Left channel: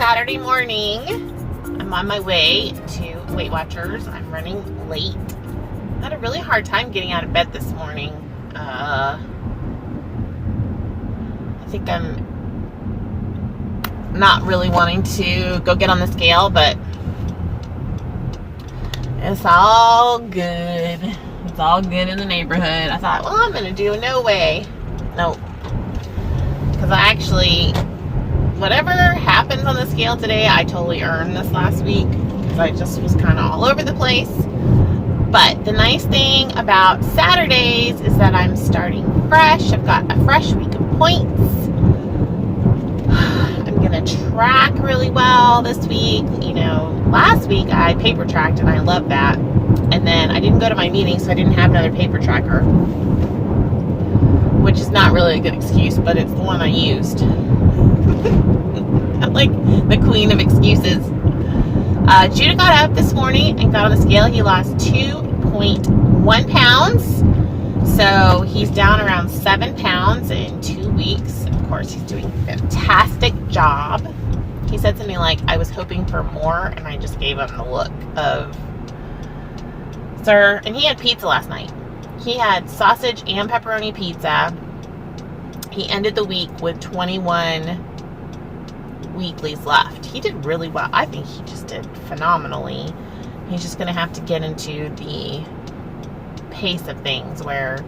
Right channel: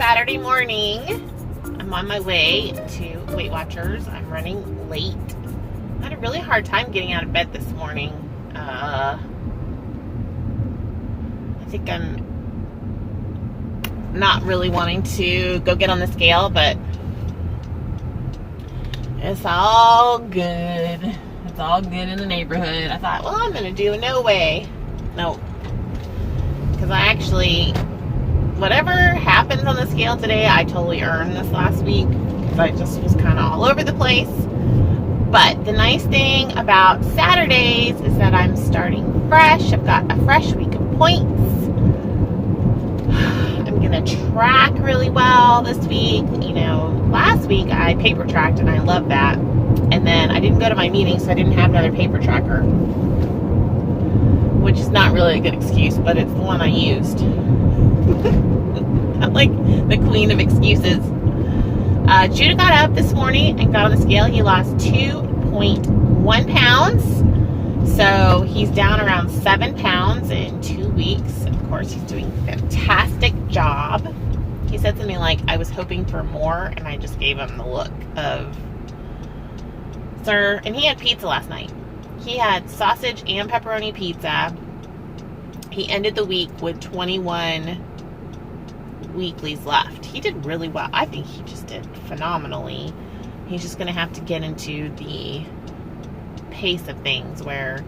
Saturday morning. I'm on my way to Weight Watchers. I'm running late. I had a really hard time getting out of bed this morning. I think I'm not really wanting to go get on the scale, but it's all good. It's all good in the neighborhood. I thought, well, I'm going to do a no way. Nope. Because I actually, whatever happens on the scale today, I totally earned this last week. Because I just was kind of all over the place. But the nice thing about Saturdays is that I'm starting fresh. I've got a fresh week of points. I'm going to track really well this week. You know, last week I paper tracked and I loved that. And then I didn't go to my meeting, so I didn't have another paper tracker. Which is not really a good excuse, but it's the one I used. I'm like the queen of excuses. Judah got up this morning and got on the scale. He lost 2.1 pounds. So he's down around 7 pounds in 2 weeks. Of course, he's doing a fantastic job. He said something like, I was hoping for more, and I just gave him the look of, sir. And he had pizza last night. He had sausage and pepperoni pizza. He ended the week with 21 weeklies left. He did really well. I think he just did phenomenally. He's just going to have to get into the pace of things where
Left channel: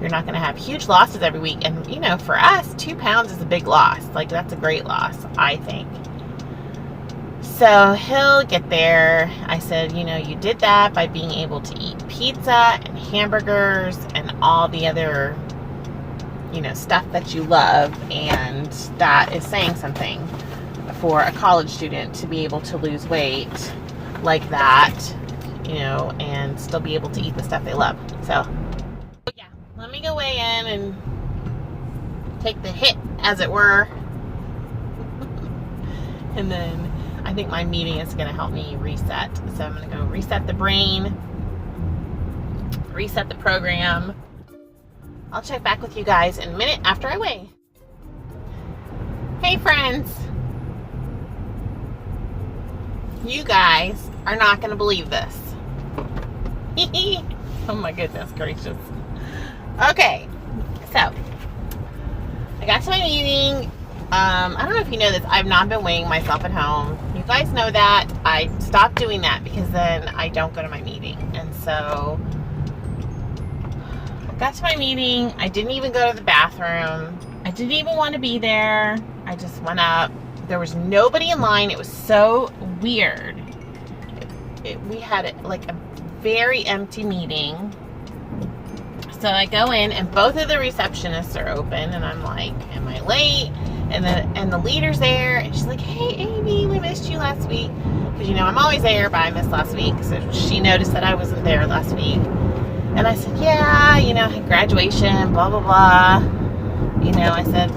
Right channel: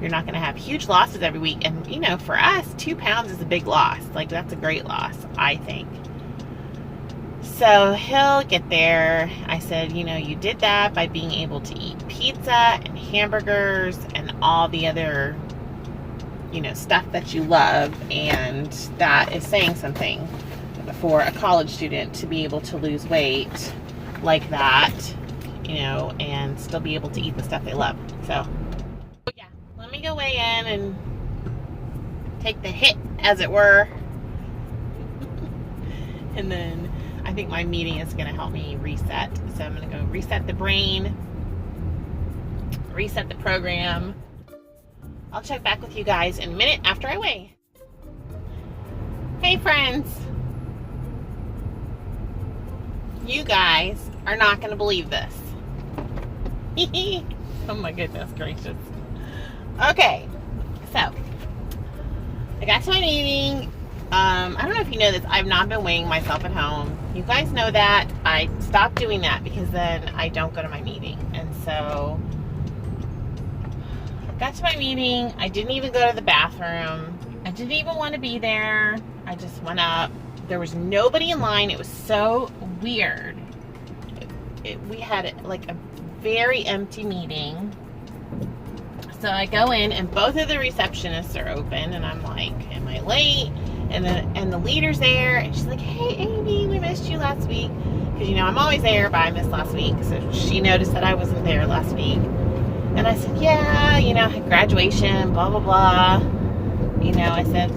you're not going to have huge losses every week. And, you know, for us, 2 pounds is a big loss. Like, that's a great loss, I think. So he'll get there. I said, you know, you did that by being able to eat pizza and hamburgers and all the other, you know, stuff that you love. And that is saying something for a college student to be able to lose weight like that, you know, and still be able to eat the stuff they love. So, yeah, let me go weigh in and take the hit, as it were. And then I think my meeting is going to help me reset. So I'm going to go reset the brain, reset the program. I'll check back with you guys in a minute after I weigh. Hey friends. You guys are not going to believe this. Oh my goodness gracious. Okay. So, I got to my meeting. I don't know if you know this. I've not been weighing myself at home. You guys know that. I stopped doing that because then I don't go to my meeting. And so I got to my meeting. I didn't even go to the bathroom. I didn't even want to be there. I just went up. There was nobody in line. It was so weird. We had like a very empty meeting. So I go in and both of the receptionists are open and I'm like, am I late? And the leader's there, and she's like, hey, Amy, we missed you last week. Because, you know, I'm always there, but I missed last week. So she noticed that I wasn't there last week. And I said, yeah, you know, I had graduation, blah, blah, blah. You know, I said,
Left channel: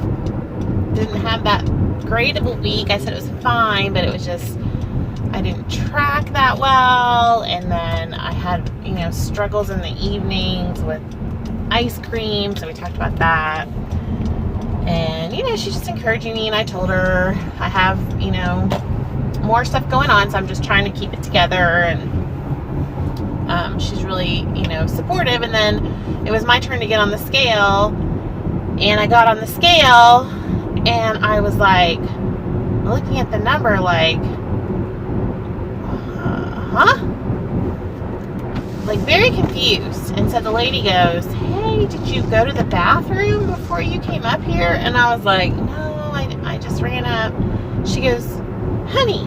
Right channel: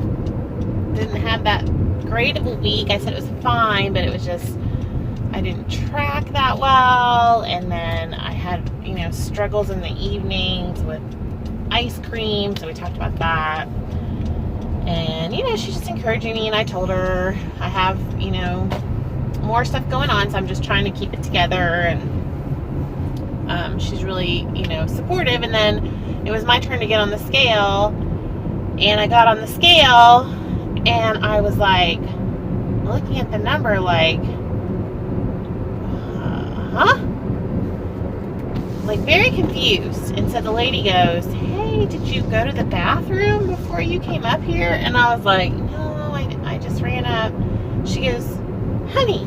didn't have that great of a week. I said it was fine, but it was just, I didn't track that well. And then I had, you know, struggles in the evenings with ice cream. So we talked about that. And, you know, she's just encouraging me, and I told her I have, you know, more stuff going on, so I'm just trying to keep it together, and she's really, you know, supportive. And then it was my turn to get on the scale, and I got on the scale, and I was like, looking at the number like, huh? Like, very confused. And so the lady goes, hey, did you go to the bathroom before you came up here? And I was like, no, I just ran up. She goes, honey,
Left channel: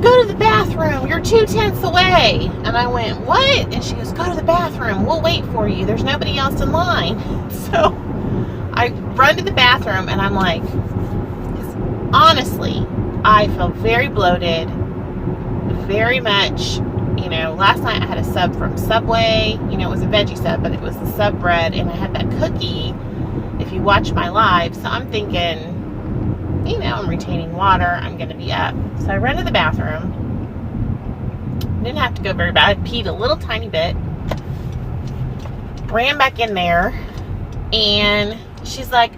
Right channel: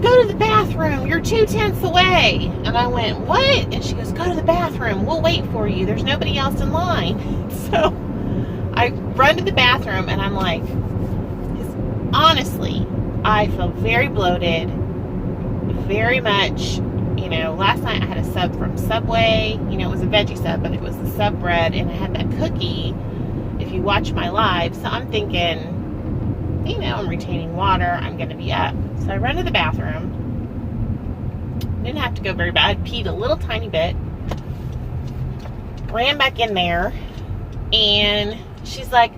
go to the bathroom. You're 2/10 away. And I went, what? And she goes, go to the bathroom. We'll wait for you. There's nobody else in line. So I run to the bathroom, and I'm like, honestly, I feel very bloated, very much. You know, last night I had a sub from Subway. You know, it was a veggie sub, but it was the sub bread, and I had that cookie, if you watch my live. So I'm thinking, you know, I'm retaining water. I'm going to be up. So I ran to the bathroom. Didn't have to go very bad. I peed a little tiny bit. Ran back in there, and she's like,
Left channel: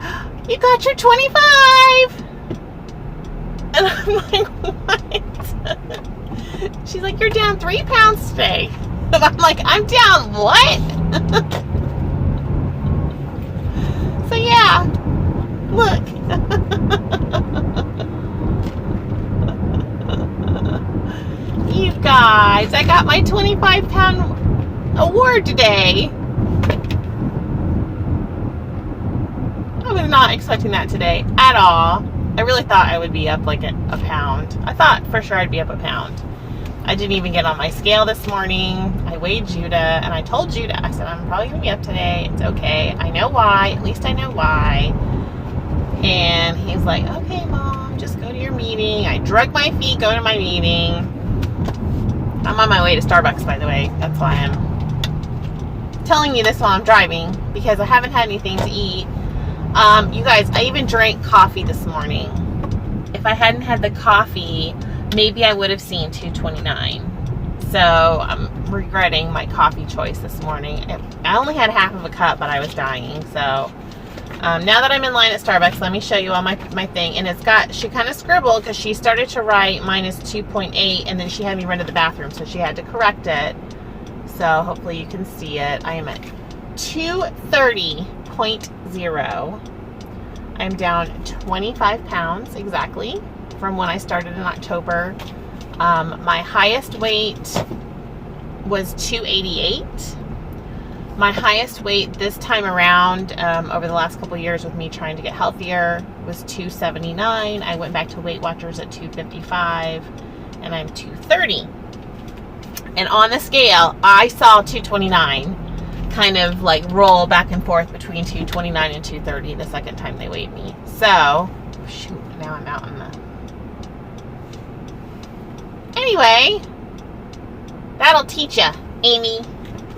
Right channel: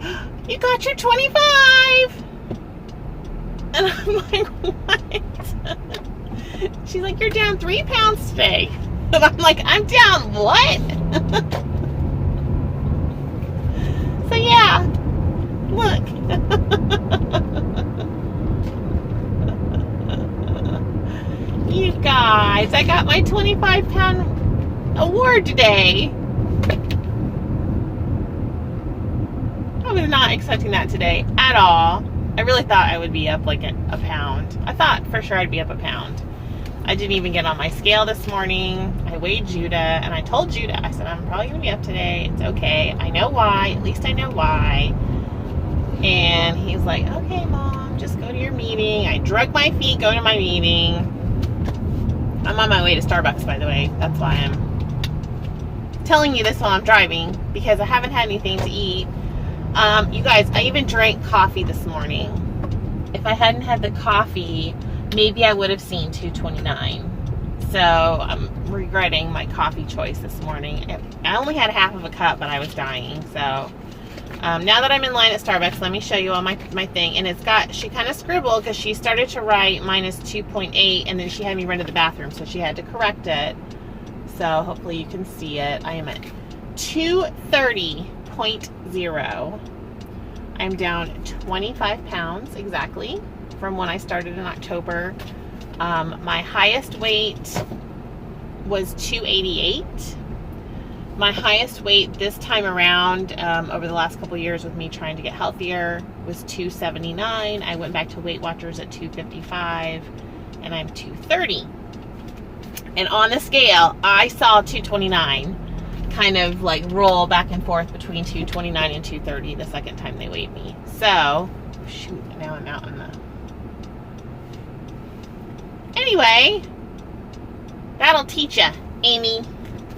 you got your 25. And I'm like, what? She's like, you're down 3 pounds today. And I'm like, I'm down what? So yeah, look. You guys, I got my 25-pound award today. I was not expecting that today at all. I really thought I would be up like a pound. I thought for sure I'd be up a pound. I didn't even get on my scale this morning. I weighed Judah and I told Judah, I said, I'm probably going to be up today. It's okay. I know why. At least I know why. And he's like, okay, Mom, just go to your meeting. I drug my feet going to my meeting. I'm on my way to Starbucks, by the way. That's why I'm telling you this while I'm driving, because I haven't had anything to eat. You guys, I even drank coffee this morning. If I hadn't had the coffee, maybe I would have seen 229. So I'm regretting my coffee choice this morning. I only had half of a cup, but I was dying. So now that I'm in line at Starbucks, let me show you all my thing. And it's got, she kind of scribbled because she started to write minus 2.8 and then she had me run to the bathroom, so she had to correct it. So hopefully you can see it. I am at 230.0. I'm down 25 pounds exactly from when I started in October. My highest weight was 288. My highest weight this time around, over the last couple of years with me trying to get healthier, was 279. I went back to Weight Watchers at 255, and I'm 230. And on the scale, I saw 229 kind of like roll back and forth between 229 and 230 the second time they weighed me. So, shoot, now I'm out in the... Anyway, that'll teach ya, Amy.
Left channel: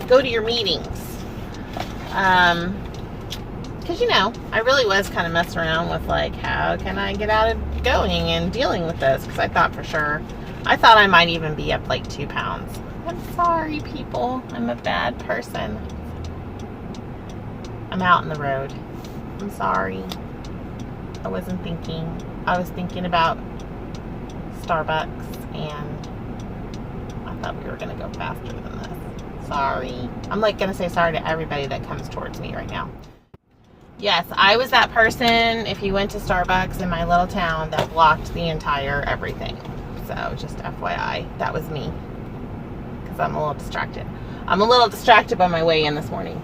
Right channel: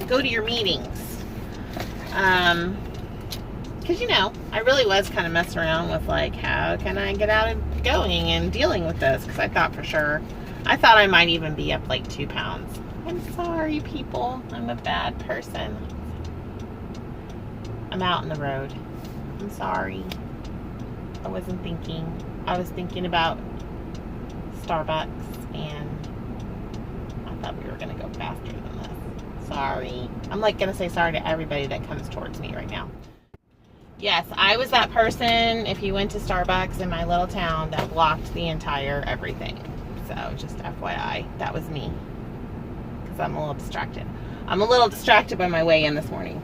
Go to your meetings. Because, you know, I really was kind of messing around with, like, how can I get out of going and dealing with this? Because I thought for sure, I thought I might even be up, like, 2 pounds. I'm sorry, people. I'm a bad person. I'm out in the road. I'm sorry. I wasn't thinking. I was thinking about Starbucks, and I thought we were going to go faster than this. Sorry. I'm like going to say sorry to everybody that comes towards me right now. Yes, I was that person, if you went to Starbucks in my little town, that blocked the entire everything. So just FYI, that was me. Because I'm a little distracted. I'm a little distracted by my way in this morning.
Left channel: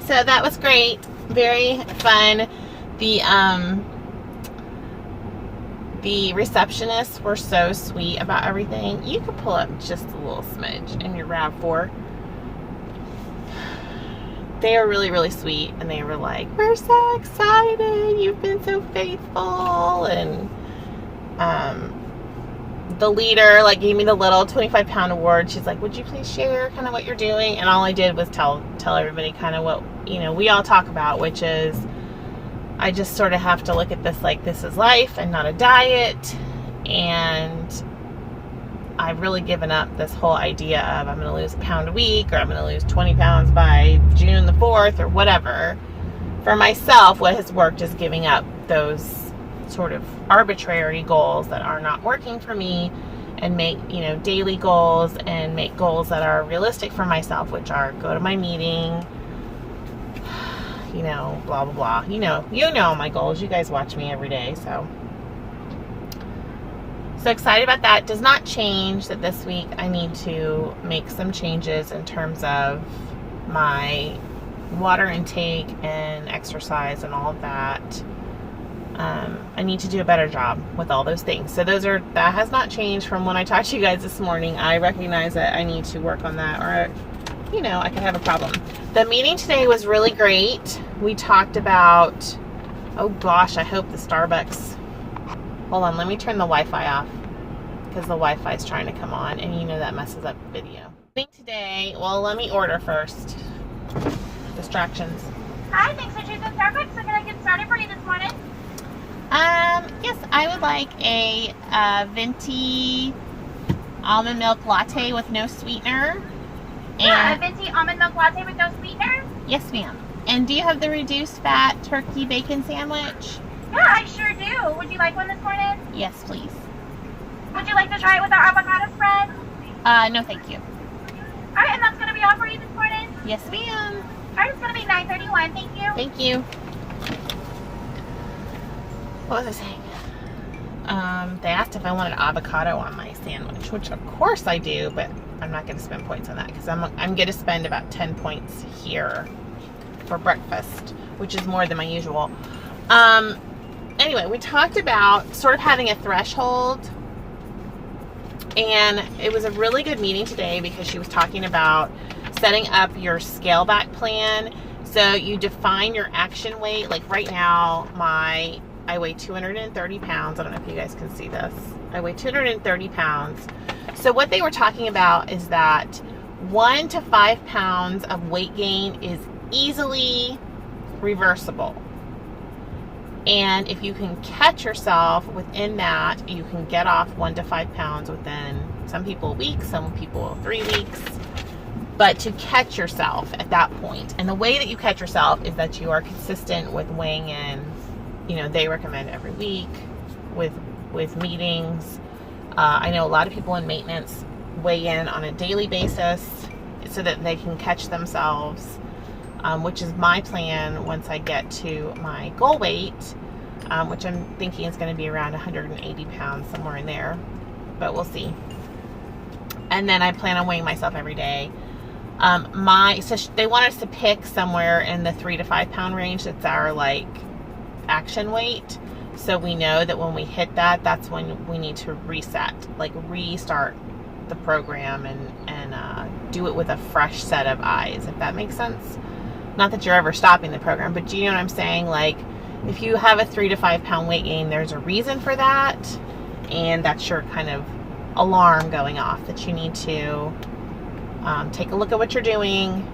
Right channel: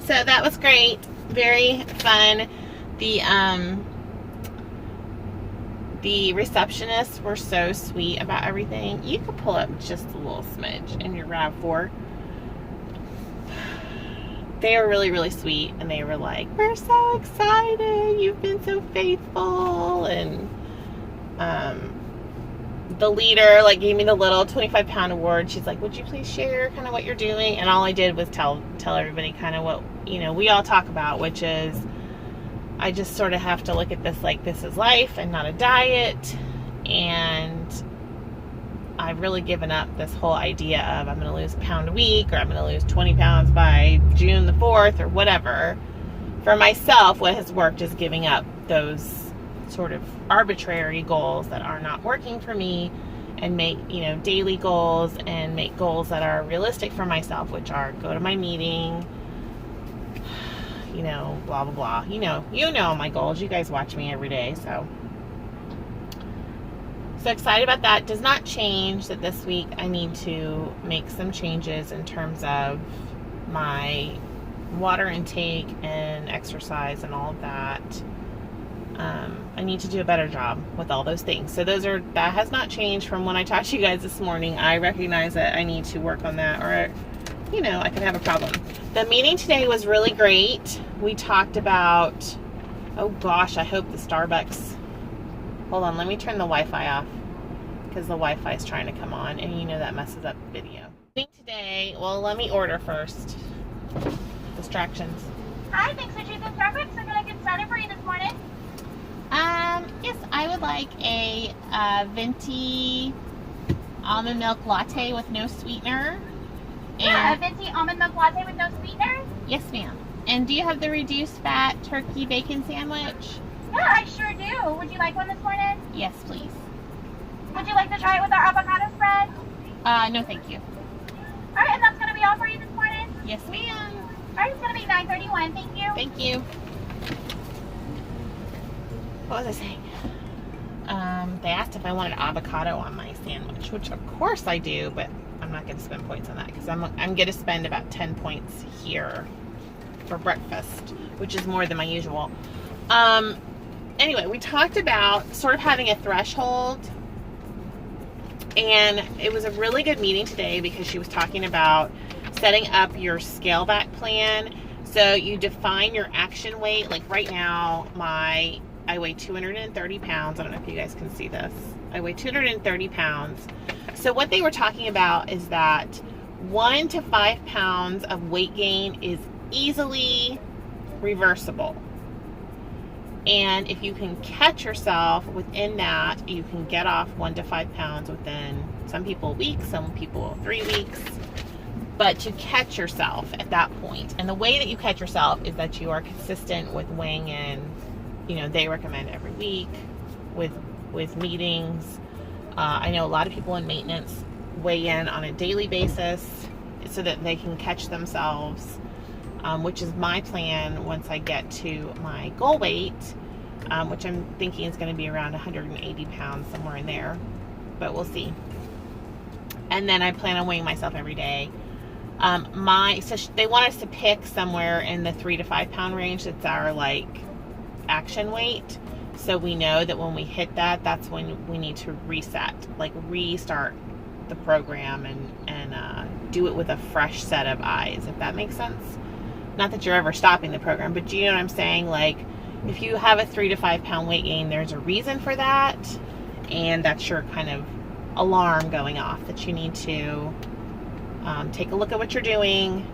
So that was great. Very fun. The receptionists were so sweet about everything. You could pull up just a little smidge in your RAV4. They were really, really sweet, and they were like, we're so excited. You've been so faithful. And the leader like gave me the little 25-pound award. She's like, would you please share kind of what you're doing? And all I did was tell everybody kind of what, you know, we all talk about, which is I just sort of have to look at this like this is life and not a diet. And I've really given up this whole idea of I'm going to lose a pound a week, or I'm going to lose 20 pounds by June the 4th or whatever. For myself, what has worked is giving up those sort of arbitrary goals that are not working for me, and make, you know, daily goals, and make goals that are realistic for myself, which are go to my meeting, you know, blah, blah, blah. You know my goals. You guys watch me every day, so excited about that. Does not change that this week I need to make some changes in terms of my water intake and exercise and all of that. I need to do a better job with all those things. So that has not changed from when I talked to you guys this morning. I recognize that I need to work on that, or, you know, I can have a problem. The meeting today was really great. We talked about, oh gosh, I hope the Starbucks, hold on, let me turn the Wi-Fi off, because the Wi-Fi is trying to come on, and you know that messes up the video. Today, well, let me order first. Distractions. Hi, thanks for choosing Starbucks. So can I get started for you this morning? Yes, I would like a venti almond milk latte with no sweetener. Yeah, a venti almond milk latte with no sweetener? Yes, ma'am. And do you have the reduced fat turkey bacon sandwich? Yeah, I sure do. Would you like one this morning? Yes, please. Would you like to try it with our avocado spread? No, thank you. All right, and that's going to be all for you this morning? Yes, ma'am. All right, it's going to be $9.31. Thank you. Thank you. What was I saying? They asked if I wanted avocado on my sandwich, which of course I do, but I'm not going to spend points on that because I'm going to spend about 10 points here for breakfast, which is more than my usual. Anyway, we talked about sort of having a threshold, and it was a really good meeting today because she was talking about setting up your scale back plan. So you define your action weight. Like right now, I weigh 230 pounds. I don't know if you guys can see this. I weigh 230 pounds. So what they were talking about is that 1 to 5 pounds of weight gain is easily reversible. And if you can catch yourself within that, you can get off 1 to 5 pounds within, some people, a week, some people 3 weeks. But to catch yourself at that point, and the way that you catch yourself is that you are consistent with weighing in. You know, they recommend every week with meetings. I know a lot of people in maintenance weigh in on a daily basis so that they can catch themselves, which is my plan once I get to my goal weight, which I'm thinking is going to be around 180 pounds, somewhere in there, but we'll see. And then I plan on weighing myself every day. So they want us to pick somewhere in the 3 to 5 pound range. That's our action weight, so we know that when we hit that, that's when we need to reset, restart the program and do it with a fresh set of eyes, if that makes sense. Not that you're ever stopping the program, but do you know what I'm saying? Like, if you have a 3 to 5 pound weight gain, there's a reason for that, and that's your kind of alarm going off that you need to take a look at what you're doing.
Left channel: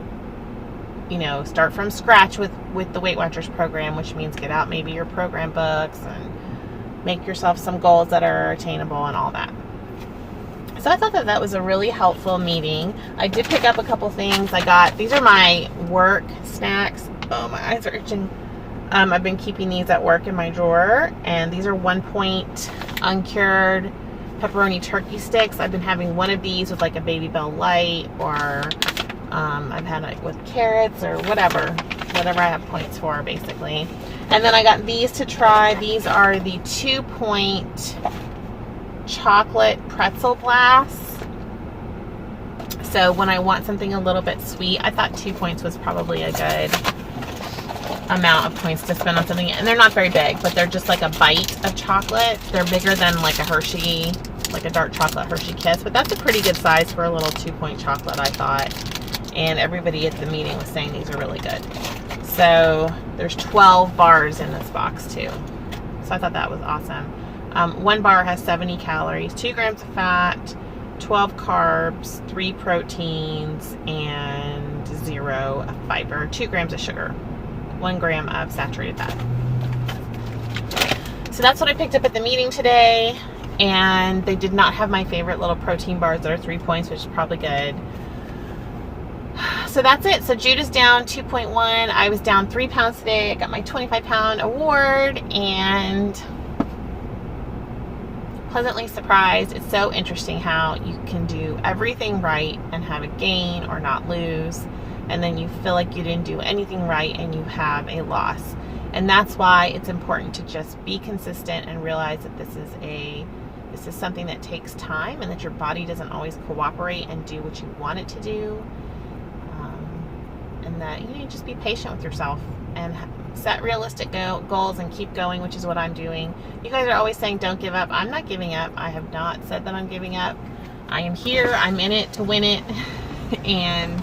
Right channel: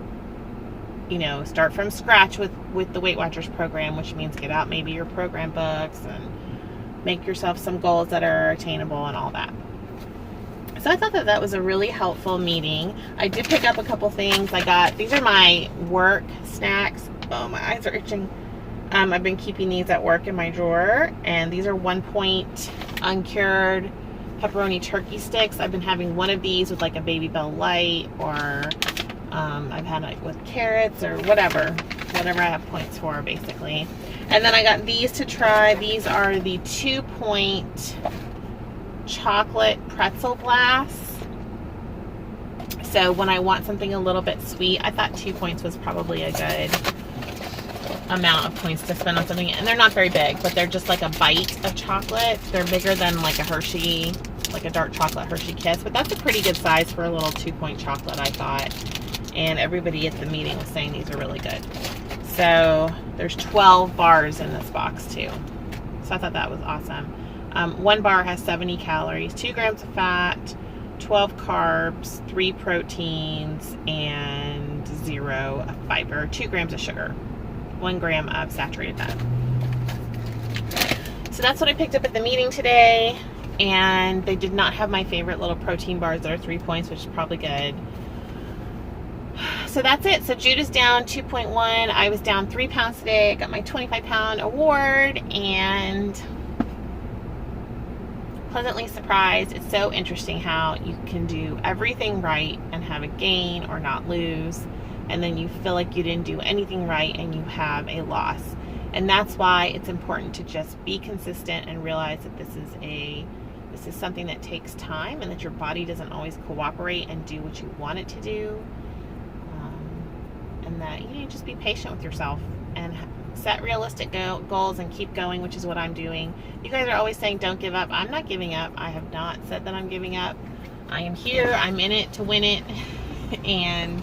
You know, start from scratch with the Weight Watchers program, which means get out maybe your program books and make yourself some goals that are attainable and all that. So I thought that was a really helpful meeting. I did pick up a couple things. These are my work snacks. Oh, my eyes are itching. I've been keeping these at work in my drawer, and these are 1 point uncured pepperoni turkey sticks. I've been having one of these with a Baby Bell Light, or I've had it with carrots or whatever I have points for, basically. And then I got these to try. These are the 2 point chocolate pretzel blasts. So when I want something a little bit sweet, I thought 2 points was probably a good amount of points to spend on something. And they're not very big, but they're just like a bite of chocolate. They're bigger than like a Hershey, like a dark chocolate Hershey Kiss, but that's a pretty good size for a little 2 point chocolate, I thought. And everybody at the meeting was saying these are really good. So there's 12 bars in this box too. So I thought that was awesome. One bar has 70 calories, 2 grams of fat, 12 carbs, 3 proteins, and 0 fiber, 2 grams of sugar, 1 gram of saturated fat. So that's what I picked up at the meeting today. And they did not have my favorite little protein bars that are 3 points, which is probably good. So that's it. So Judah's down 2.1. I was down 3 pounds today. I got my 25-pound award, and pleasantly surprised. It's so interesting how you can do everything right and have a gain or not lose, and then you feel like you didn't do anything right and you have a loss. And that's why it's important to just be consistent and realize that this is something that takes time, and that your body doesn't always cooperate and do what you want it to do. And that you need to just be patient with yourself and set realistic goals and keep going, which is what I'm doing. You guys are always saying don't give up. I'm not giving up. I have not said that I'm giving up. I am here. I'm in it to win it. And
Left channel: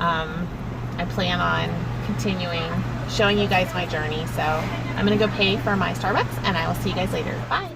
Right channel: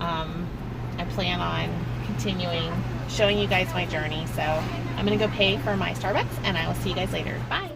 I plan on continuing showing you guys my journey. So I'm going to go pay for my Starbucks, and I will see you guys later. Bye.